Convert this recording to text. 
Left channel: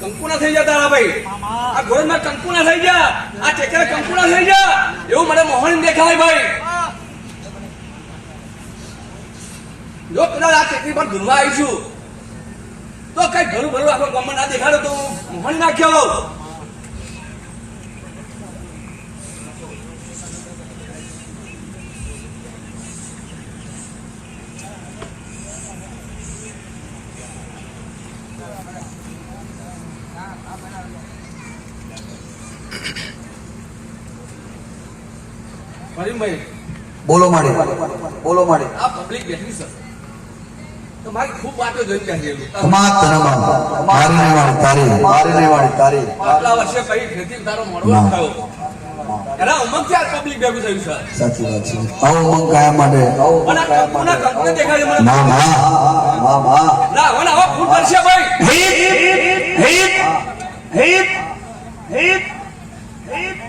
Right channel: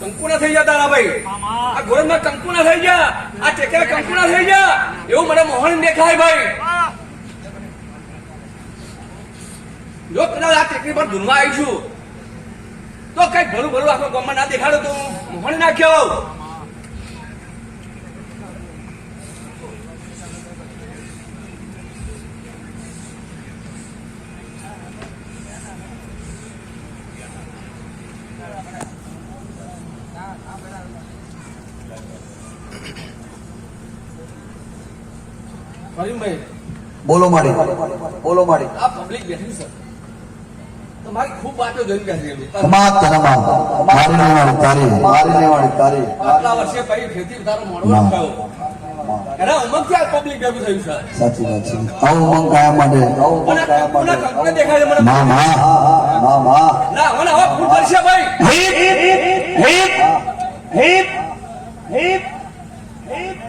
કંકુના થઈ ગયા તારા ભાઈ આ ગોળમાં કંકુના થઈ ગયા આ ટેકરા કંકુના થઈ ગયા એવું મને મોહન દેખાય ભાઈ જો કદાચ આ ટેકરી પર ધૂમવા આવીશું તો કઈ ભરું ભરું આખો ગામમાં ના દેખાડો તો મોહન નાખ્યો બોલો માડે બોલો માડે આ પબ્લિક બેઠી છે તમારી ખૂબ વાતો જોઈ ગયા છે તમાત તનમા મારી ને વાળી તારી આટલા વર્ષે કઈ ખેતી તારો મોડવો થયો એના ઉમંગ થી આ પબ્લિક ભેગું થયું છે સાચી વાત છે આવો ઉમંગ કાયા માટે કંકુને દેખાય મને માં ના હવે ફૂલ કરશે ભાઈ હિત હિત હિત હિત